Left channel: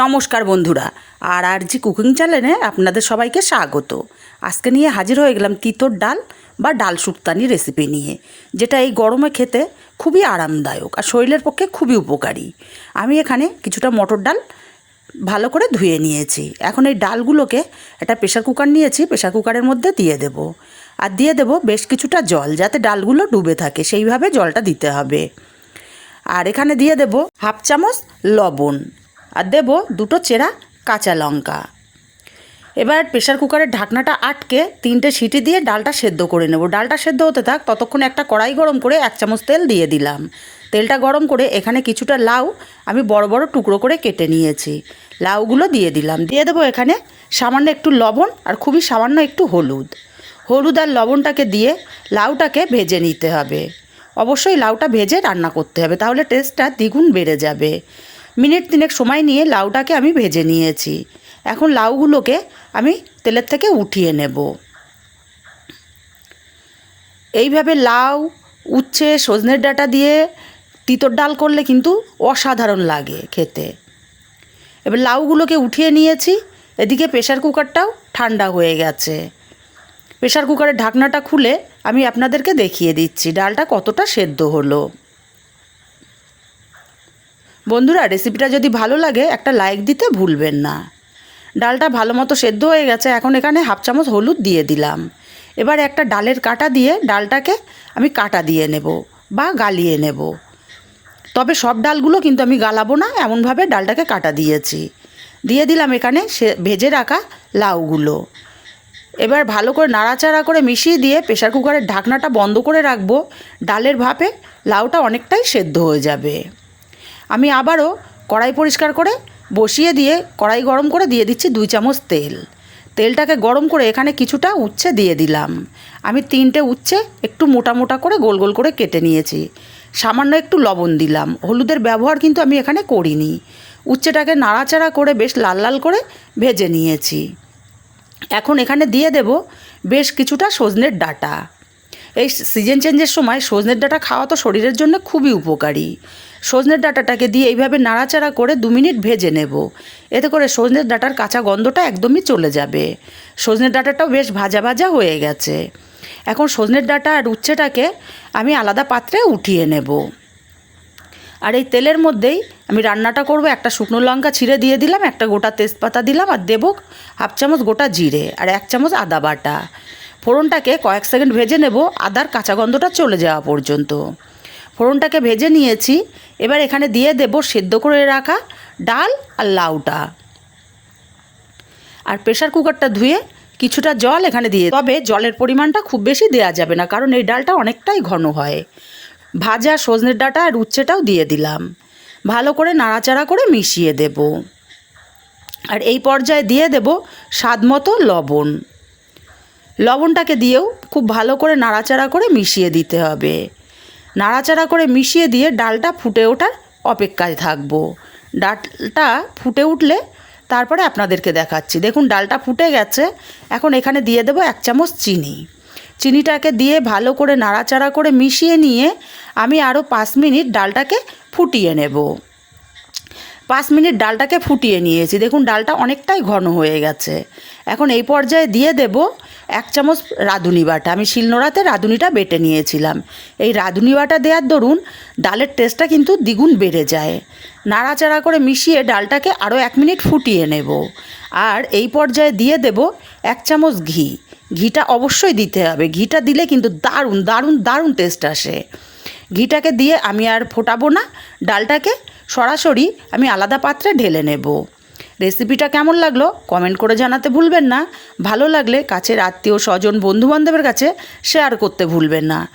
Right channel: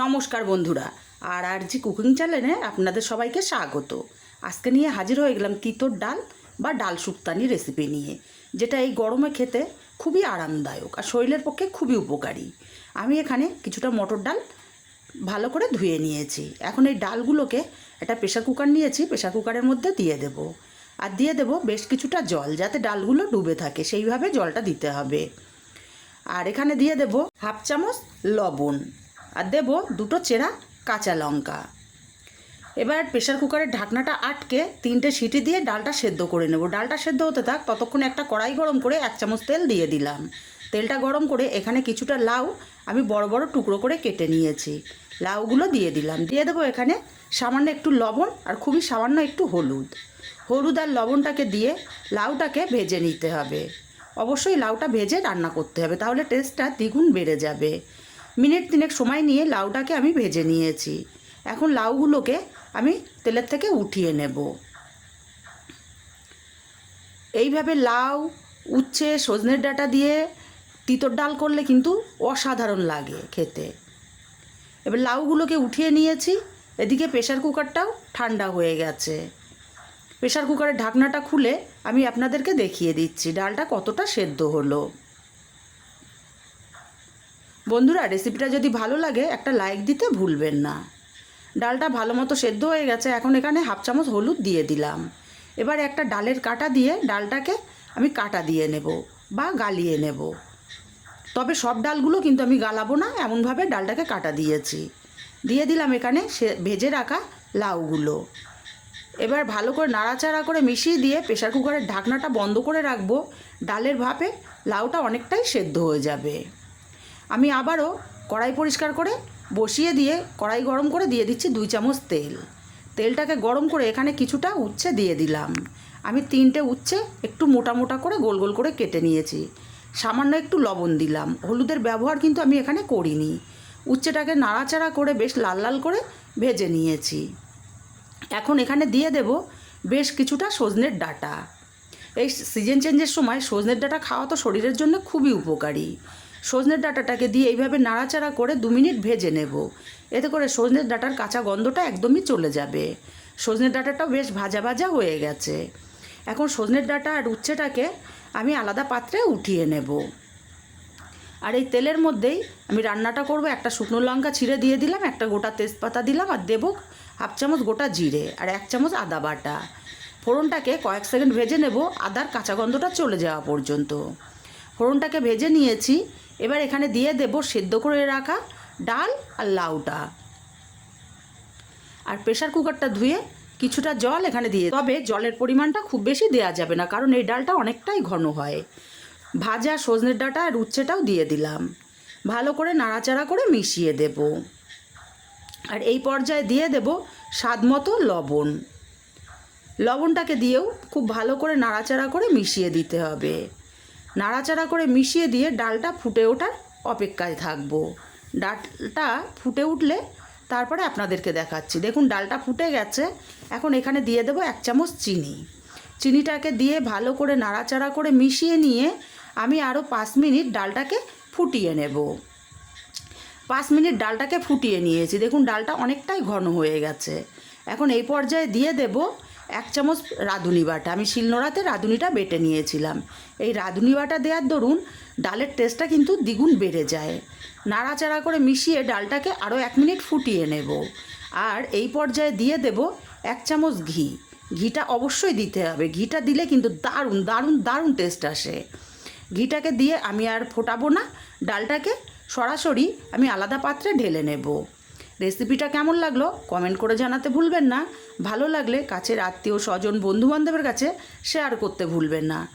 নমস্কার বন্ধুরা, আর আর জি কুকিং চ্যানেলে আপনাদের সবাইকে স্বাগত। আজকে নিয়ে হাজির হয়ে গেলাম তিতর ডাল বা ডাল শুক্তানি রেসিপি নিয়ে, যেটা এই গরমে খেতে খুবই আরামদায়ক আর শরীরের পক্ষে খুবই উপকারী। আমি এখানে কিছুটা মটর ডাল ভালো করে ধুয়ে নিয়েছি। এখন এই ডালগুলোকে একটা প্রেশার কুকার নিয়েছি প্রেশার কুকারের মধ্যে দিয়ে দেব। আর দিয়ে দেব বেশ কিছুটা জল, যাতে ডালগুলো ডুবে থাকে, সেইভাবে জলটা দিতে হবে। আর এখানে দিয়ে দেব হাফ চামচ লবণ। আর দেব দুটো চেরা কাঁচা লঙ্কা। এবার প্রেশার কুকারের ঢাকনাটা আটকে তিনটে সিটি দিয়ে ডালটা সেদ্ধ করে নেব। ডালটা সেদ্ধ হতে থাক, ততক্ষণ একটা কড়াই গরম করে এক চামচ তেল দিয়ে দিলাম। তেলটা গরম করে এখানে কিছুটা লাউ আমি বড় বড় টুকরো করে কেটে নিয়েছি। লাউগুলো দিয়ে দিলাম। দিয়ে দেবো এখানে সামান্য একটু লবণ আর খুবই সামান্য একটু হলুদ। হলুদ আর লবণটাকে দিয়ে লাউটাকে ভেজে নিতে হবে। অবশ্যই লাউটা ভেজে রান্না করতে হবে, তাহলে টেস্টটা দ্বিগুণ বেড়ে যাবে। মিনিট তিনেক সময় নিয়ে লাউটাকে আমি ভেজে নিয়েছি। এখন লাউগুলোকে আমি তেলের থেকে উঠিয়ে নেব। এইভাবে লাউ, উচ্ছে, সজনের ডাটা দিয়ে তিতর ডাল করলে কিন্তু অসাধারণ লাগে খেতে। এবার লাউগুলোকে উঠিয়ে নিয়েছি, এদিকে প্রেশার কুকারটাও ঠান্ডা হয়ে গেছে। প্রেশার কুকারের ঢাকনাটা খুলে আমি আপনাদেরকে দেখিয়ে দিচ্ছি, ডালটা কতটা সেদ্ধ হলো। বন্ধুরা রেসিপিটা যদি ভালো লাগে, একটা লাইক দিতে ভুলবেন না। ডালটা ভালো মতো সেদ্ধ হয়ে গেছে, এখন এখানে হাফ চামচ হলুদ দিয়ে দিলাম। এবার একটা ডালের কাটা দিয়ে ডালটাকে আমি কাটা দিয়ে নেব বা গালিয়ে নেব। তবে সব ডালগুলো কিন্তু আমি গালাবো না, এমনভাবে ডালটাকে কাটা দিয়েছি। দিয়ে দিলাম এখানে সে, ভেজে রাখা লাউগুলো। এবার ভালো করে নাড়াচাড়া করে মিশিয়ে দিয়ে প্রেশার কুকারের ঢাকনাটা বন্ধ করে রাখব। ডালের ভাপে লাউটা অনেকটাই সেদ্ধ হয়ে যাবে। আমি আবারও কড়াই পরিষ্কার করে বসিয়ে দিয়ে, কড়াই গরম করে দিয়ে দিচ্ছি দুই চামচ তেল। তেলটাকে গরম করে এখানে কিছুটা উচ্ছে দিয়ে দিলাম। আমি তিনটে উচ্ছে একটু মোটা মোটা করে গোল গোল করে কেটে নিয়েছি। সামান্য একটু লবণ দিলাম। হলুদের ব্যবহার কিন্তু আমি এখানে করিনি। উচ্ছেটাকে নাড়াচাড়া করে বেশ লাল লাল করে ভেজে নিয়েছি। এখন এখানে দিয়ে দেব বেশ কিছুটা সজনের ডাটা। এই সিজন চেঞ্জের সময় সজনের ডাটা খাওয়া তো শরীরের জন্য খুবই উপকারী। সজনের ডাঁটাটাকে দিয়ে এইভাবে নাড়াচাড়া করে দু মিনিট ভেজে নেব। এতে করে সজনের ডাঁটার কাঁচা গন্ধটা একদমই চলে যাবে। সজনের ডাঁটাটাও বেশ ভাজা ভাজা হয়ে গেছে। এখন সজনের ডাঁটা আর উচ্ছেটাকে আমি আলাদা পাত্রে উঠিয়ে নেব। আর এই তেলের মধ্যেই আমি রান্নাটা করব, একটা শুকনো লঙ্কা ছিঁড়ে দিয়ে দিলাম, একটা গোটা তেজপাতা দিলাম আর দেবো হাফ চামচ গোটা জিরে আর এক চামচ আদা বাটা। ফোড়নটাকে কয়েক সেকেন্ড ভেজে নেব, আদার কাঁচা গন্ধটা চলে যাওয়া পর্যন্ত। ফোড়নটাকে ভেজে নিয়েছি। এবার এখানে দিয়ে দেব সেদ্ধ করে রাখা ডাল আর লাউটা। আর প্রেশার কুকারটা ধুয়ে কিছুটা জল এখানে দিয়ে তবে জলের পরিমাণটা খুব বেশি দেওয়া যাবে না, কারণ এই ডালটা অনেকটাই ঘন হয়। ভাজা সজনের ডাটা আর উচ্ছেটাও দিয়ে দিলাম। ভালো করে নাড়াচাড়া করে মিশিয়ে দেব। আর এই পর্যায়ে দিয়ে দেব স্বাদ মতো লবণ। লবণটাকে দিয়েও খুব ভালো করে নাড়াচাড়া করে মিশিয়ে দিতে হবে। নাড়াচাড়া করে মিশিয়ে দিয়ে ডালটা ফুটে ওঠার অপেক্ষায় থাকব। ডালটা ফুটে উঠলে তারপরে আপনাদেরকে দেখাচ্ছি। দেখুন, ডালটা ফুটে গেছে। এখন এখানে দিয়ে দেবো এক চামচ চিনি। চিনিটাকে দিয়ে ভালো করে নাড়াচাড়া করে মিশিয়ে নিয়ে আমি আরও পাঁচ মিনিট ডালটাকে ফুটিয়ে নেব। পাঁচ মিনিট ডালটাকে ফুটিয়ে নিয়েছি। দেখুন, ডালটা অনেকটাই ঘন হয়ে গেছে। এখন এই পর্যায়ে দিয়ে দেব এক চামচ রাঁধুনি বাটা। আমি শিলনোড়াতে রাঁধুনিটা বেটে নিয়েছিলাম। এই রাঁধুনি বাটা দেওয়ার দরুন ডালের টেস্টটা কিন্তু দ্বিগুণ বেড়ে যায়। নাড়াচাড়া করে মিশিয়ে ডালটাকে আরও এক মিনিট ফুটিয়ে নেব। আর এই পর্যায়ে দিয়ে দেব এক চামচ ঘি। ঘিটা অবশ্যই দিতে হবে। ঘিটা দিলে কিন্তু দারুণ দারুণ দারুণ টেস্ট আসে। ঘিটাকে দিয়ে আমি আর ফোটাবো না। ডালটাকে সরাসরি আমি আলাদা পাত্রে ঢেলে নেব। রেসিপিটা কেমন লাগল কমেন্ট করে জানাতে ভুলবেন না। ভালো লাগলে কাছের আত্মীয় স্বজন, বন্ধুবান্ধবের কাছে শেয়ার করতে ভুলবেন না।